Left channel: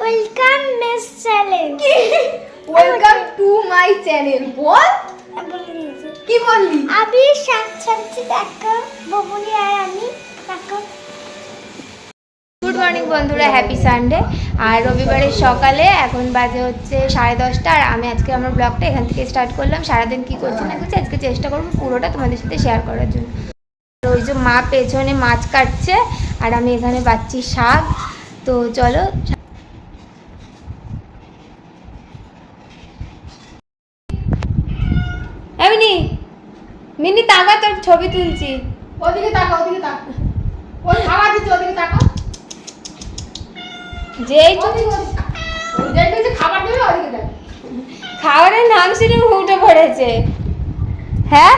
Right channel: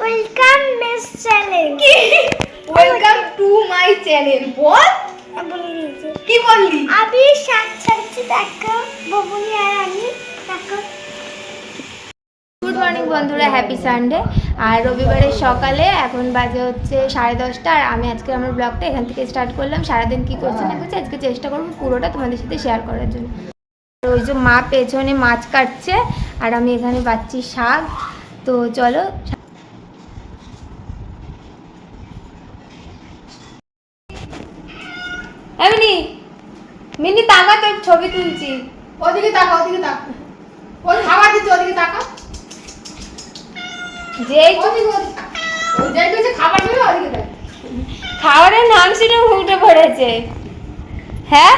Welcome miss challenge welcome to my channel বল কি বললি? আমি শাক ছাড়ছি দেখো ববুনি আর আমি দেখো গুড মর্নিং বন্ধুরা হ্যাপি সানডে আর রবিবারের সকালে এখন বাজে হচ্ছে সাড়ে দশটা আর আমি আজকে আমার ব্লগটা এখান থেকে স্টার্ট করলাম। সারাদিন কী করছি না করছি আজকে চেষ্টা করব পুরোটা তোমাদের সাথে শেয়ার করার জন্য। তো ওই যে মা পেছনে মাছ কাটছে আর আমি এখানে পাচ্ছি শাক। তো চলো মিনি তাকা তোর ছবি তুলছি। ওদিকে তাকা ওদিকে তাকা। ওই খাবার দিচ্ছে ওদিকে তাকা। হচ্ছে খাবার দিবে ওদিকে তাকা খাবারের নাম শুনে উঠে পড়েছে। হ্যাঁ?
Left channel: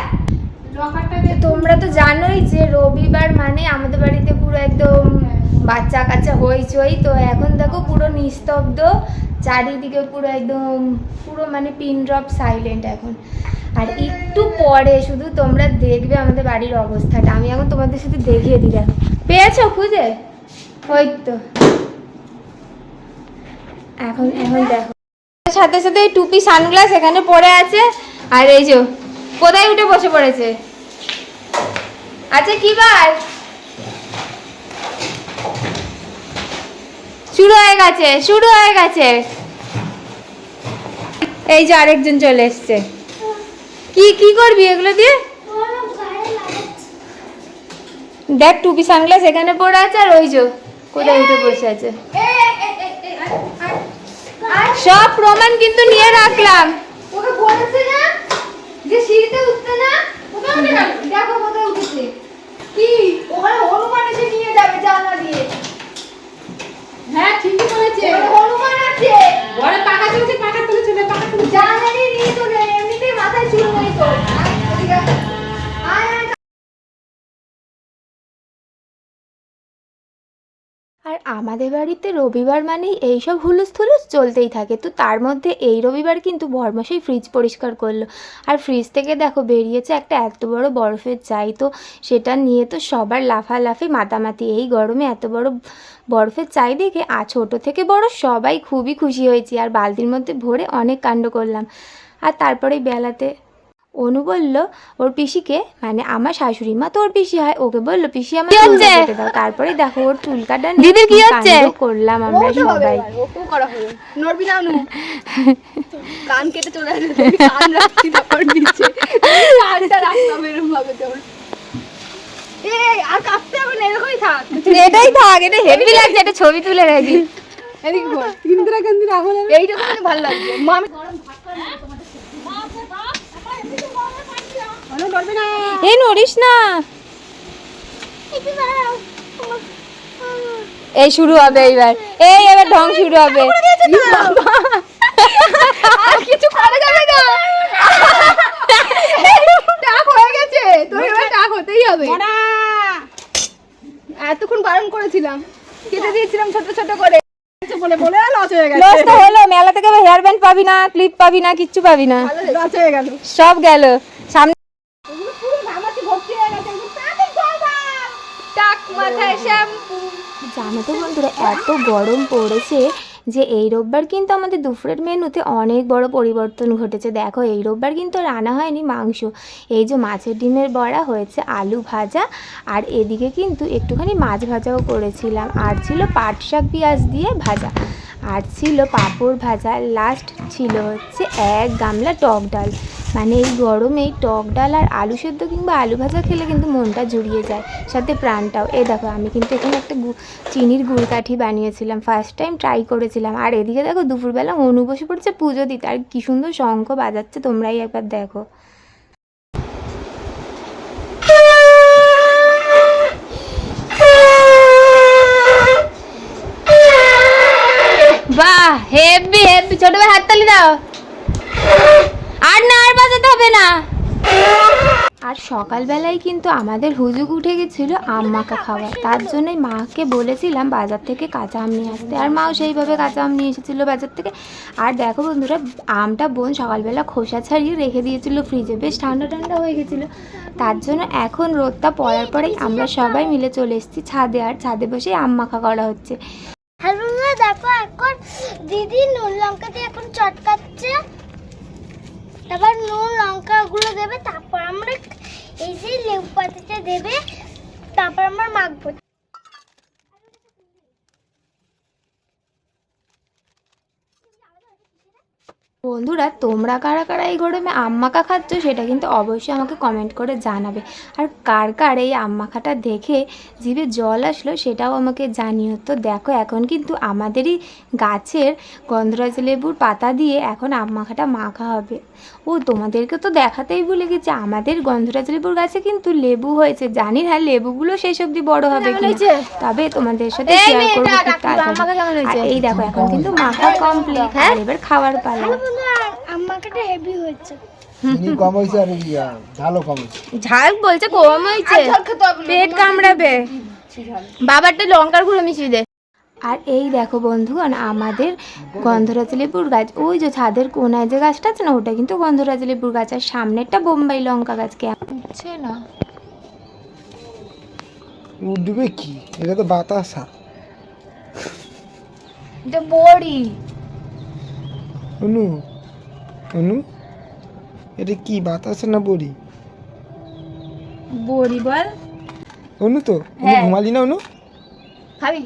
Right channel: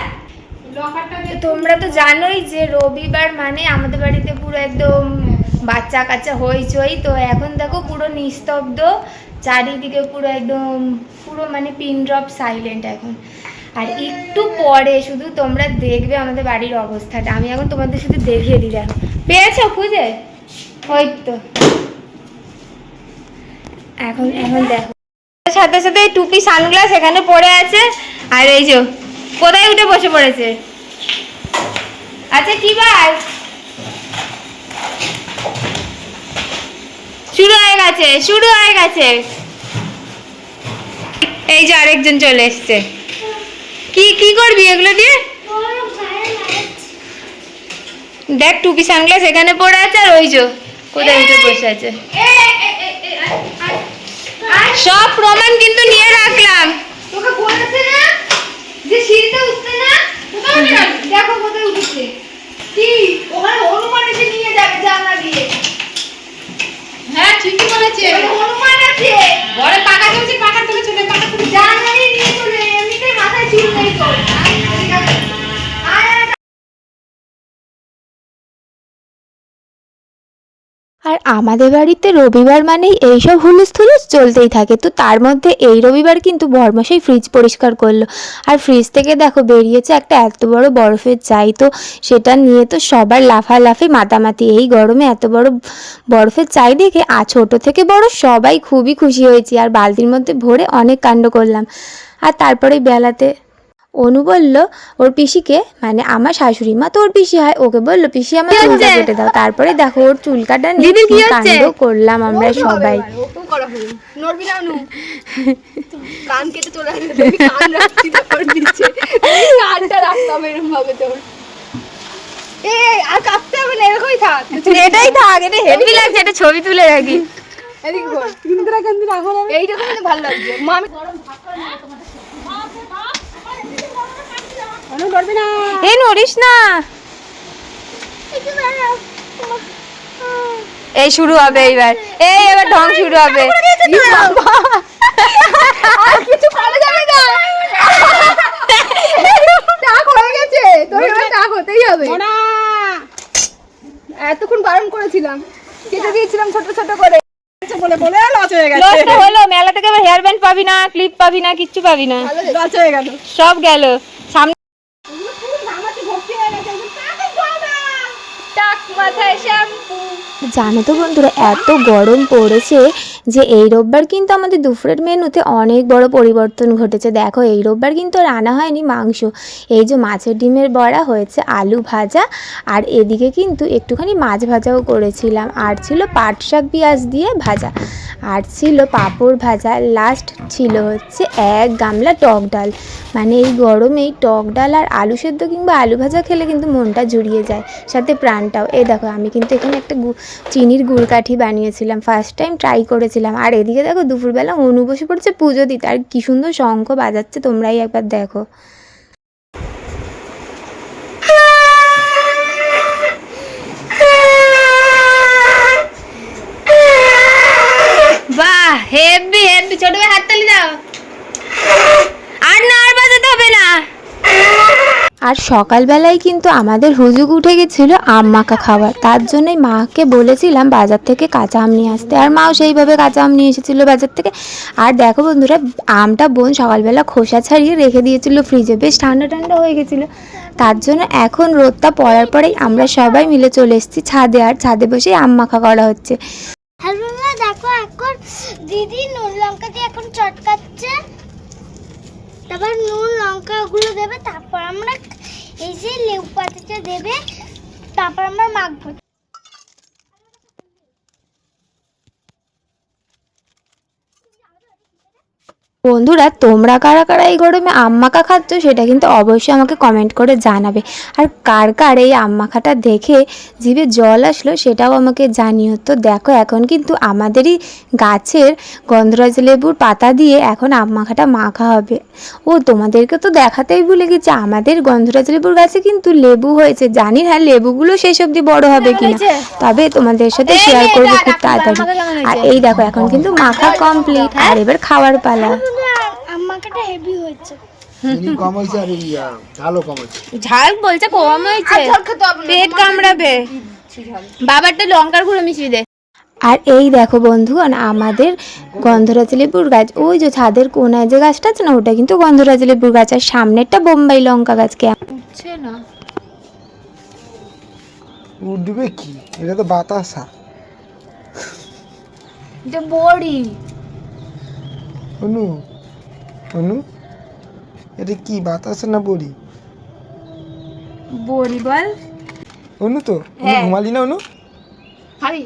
তোমরা তো জানোই যে রবিবার মানে আমাদের বাড়িতে পুরো একদম বাচ্চা কাচ্চা হইচই। তো এখন দেখো পুরো নিস্তব্ধ চারিদিকে পুরো একদম পুরো মানে পিন ড্রপ সাইলেন্ট এখন। আর একটু পরে শুধু তোমরা দেখবে আমাদের বাড়ির অবস্থাটা। আমি এখন তোমাদের শুধু দেখিয়ে দিই, দেখো। পেয়েছ খুঁজে? ওই তো। এখন এখন দেখো। সাথে সাথে টুপি সানগ্লাস এখানে পড়ে আছে। আর এই যে, কোথায় উঠে বসে পড়েছে? আচ্ছা কি ভাই শুরু হয়ে গেছে, শুরু হয়ে গেছে। এই যে আরেকজন চলে এসছে। কি কি করবি এগুলো দিয়ে? দেখ টুপি সানগ্লাস এখানে পড়ে আছে আর ওই যে কোথায় উঠে বসে আছে। সব প্রমাণ কিন্তু নিয়ে রাখলাম। তোকে বলেছে না যে সিঁড়িতে উঠতে না? দেখো কোথায় উঠেছে। কি? ওখানে হনুমান এসে নিয়ে যাবে জানলা দিয়ে। হ্যাঁ ঠিকই বলেছে। হনুমান আছে। বড় পাকা চলছে পাকা তুলে চলে পাকা তুলে জানলা দিয়ে নিয়ে চলে এমনিতেই মাথায় চুল নেই তো ঠিক আছে আয় আয় আর আমাদের বাড়িতে রবিবার মানেই এইসব হুলুস থুলুস চলতেই থাকে। তো তার মধ্যে এই রবিবার কিন্তু বর্মশাই ফ্রিজ পরিষ্কার করল। আর ফ্রিজ থেকে দেখো বেরিয়েছে একটা এত বড় বরফের চাই তো, সেটা নিয়ে তো সবার লাফালাফি মাতামাতি। এই গরমে এত বড় বরফের চাই দেখে আর ছোট থেকে বড় সবাই খুবই খুশি হয়েছি। আর বালতির মধ্যে ভরে অনেক কাণ্ড করলাম। আর তারপরে বেলাতে অনু বলল ওর পিসিকে? মানে আমার শাশুড়ি মা তো ওর পিসি হয়। ওকে বলল পিসি আমার চুলটা কেটে দাও। তারপরে দেখো ওর চুল কাটা নিয়ে কাণ্ড করলাম আমরা সবাই। কান কেটে চলে আর হবে না এরকমই থাক। এটাই থাক এটা হেভি লাগছে এটা ছবি তুলে রাখি। এইরকম ভালো লাগছে। মা আমি অনু নড়বি না এ নড়িস না এই শুরু হবে এইবার। এই এবার ঢং শুরু হবে। কিছু করা যাবে না। টাক হয়ে গেছে। তোর এবার টাক হতেই হবে। এতক্ষণ বারণ করেছিলাম। কেটে দিয়েছিলাম ছোট ছোট করে। বলে বলে লস হয়ে গেছে। লস তো হলো। মেলা থেকে হেয়ার ব্যান্ড পাবি না ক্লিপ পাবি না কিচ্ছু পাবি না। লস হয়ে গেল। সব গেল। মাথায় শ্যাম্পু জানো তো বন্ধুরা, এত গরম পড়েছে যে এই রোববার কিন্তু আমাদের দুপুরের মেনুতে অনেক বড় পরিবর্তন ঘটেছে। দেখো, এই রোববার কিন্তু আর আনা হয়নি মাংস। এই যে মাছের ডিমের বড়া হয়েছে আলু ভাজা, আর এদিকে কিন্তু একটুখানি মাছ ভাজাও করেছিলাম। আর ছিল পাট শাক পেঁয়াজ দিয়ে ভাজা, আর ছিল পাঁপড় ভাজা। লাস্ট ছিল হচ্ছে এক গামলা টক ডাল। মানে এই গরমে টক ডাল আর আলু সেদ্ধ কিংবা আলু ভাজা খেলে কিন্তু মনটা জুড়িয়ে যায়, সাথে প্রাণটাও। এই দেখো, আমি কিন্তু এখানে একটা চিনির গুড়কাঠি বানিয়েছিলাম ফার্স্ট টাইম ট্রাই করেছিলাম। আর এদিকে দেখো দুপুরবেলা অনু বসে পড়ছে পুজো দিতে। আর কি সুন্দর শঙ্খ বাজাচ্ছে, তোমরাই একবার দেখো। বাহ হেভি হেভি ছোট ভাই হাততালি দাও। আর না আর বাজাতে হবে না। আর সকালবেলায় কিন্তু আমাদের হুজুগ উঠে গেছিল আম মাখা খাওয়ার। তার জন্যই মাকে বলেছিলাম বাজার থেকে কাঁচা আম নিয়ে আসতে। আর মাও সেইভাবে কাঁচা আম নিয়ে এসেছিল বাজার থেকে। আর দেখো বন্ধুরা, আমটা বোন সকালবেলা খোসা ছাড়িয়ে রেখে দিয়েছিল ফ্রিজে। বেশ ঠান্ডা ঠান্ডা হয়ে গেছিল। তার জন্য এখন রোদটা পড়ার পরেই আমরা সবাই মিলে চলে এসেছি ছাদে। আর ছাদে বসেই আম মাখা করা হচ্ছে। দেখো এখন দিদি নুন লঙ্কা দিয়ে এখন চটকাচ্ছে। তারপর নুন লঙ্কাগুলো দেবে তারপর আমরা এই যে লেবু পাতাটা দেবে তারপর আমরা মাখবো। বন্ধুরা তোমরা কারা কারা এই গরমে আম মাখা খাচ্ছ সেটা কিন্তু অবশ্যই আমাকে কমেন্ট করে জানাবে। আর কার কার এই মাখাটা দেখে জিভে জল আসলো সেটাও আমাকে জানিও। তো দেখো এখন কিন্তু আমাদেরই গাছের গন্ধরাজ লেবুর পাতা দিয়ে এখন মাখাটা মাখা হবে। ও তোমাদেরকে তো দেখাতেই ভুলে গেছি আমাদের গন্ধরাজ লেবুর গাছে কিন্তু লেবু হয়েছে। জানি না লেবুগুলো শেষ অবধি বড় হবে কিনা। তবে তোমাদের সাথে শেয়ার করব খুব তাড়াতাড়ি। আর এই দেখো এখন কিন্তু মাখা কমপ্লিট আর এবার খাওয়ার পালা। হেভি হয়েছে। চিনি কম হয়েছে আর ইয়া ঝালও কম হয়েছে। ঝাল বলছে কম হয়েছে। না, পেট কামড়াবে। বাবারটা লঙ্কার গুঁড়ো মিশিয়ে দে। আর এই দেখো বন্ধুগণ আমাদের গন্ধরাজ লেবুর গাছ ওই যে ছাদের কোনায় যে গাছটা আছে না ওটা কিন্তু গন্ধরাজ লেবুর গাছ। আর সামনেরটা বোম্বাই লঙ্কা গাছ কে? উঠছে না। উঠবে কি? এটা তো বাতাসা। এটা অনু অনু এটা কি বাতাসা না বড়ি? বড়ি বল। অনু তো অনু হ্যাঁ। ঘুমালি না অনু? খাবি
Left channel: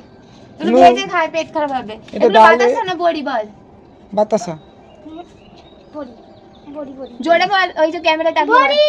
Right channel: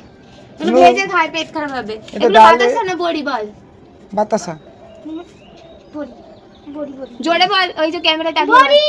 তুমি No. ভেজে খাই পেট খারাপ হবে। এটা বাতাসা না বড়ি বল? বাতাসা। বড়ি বড়ি। জোরে বল ওই যে ক্যামেরাটা বড়ি।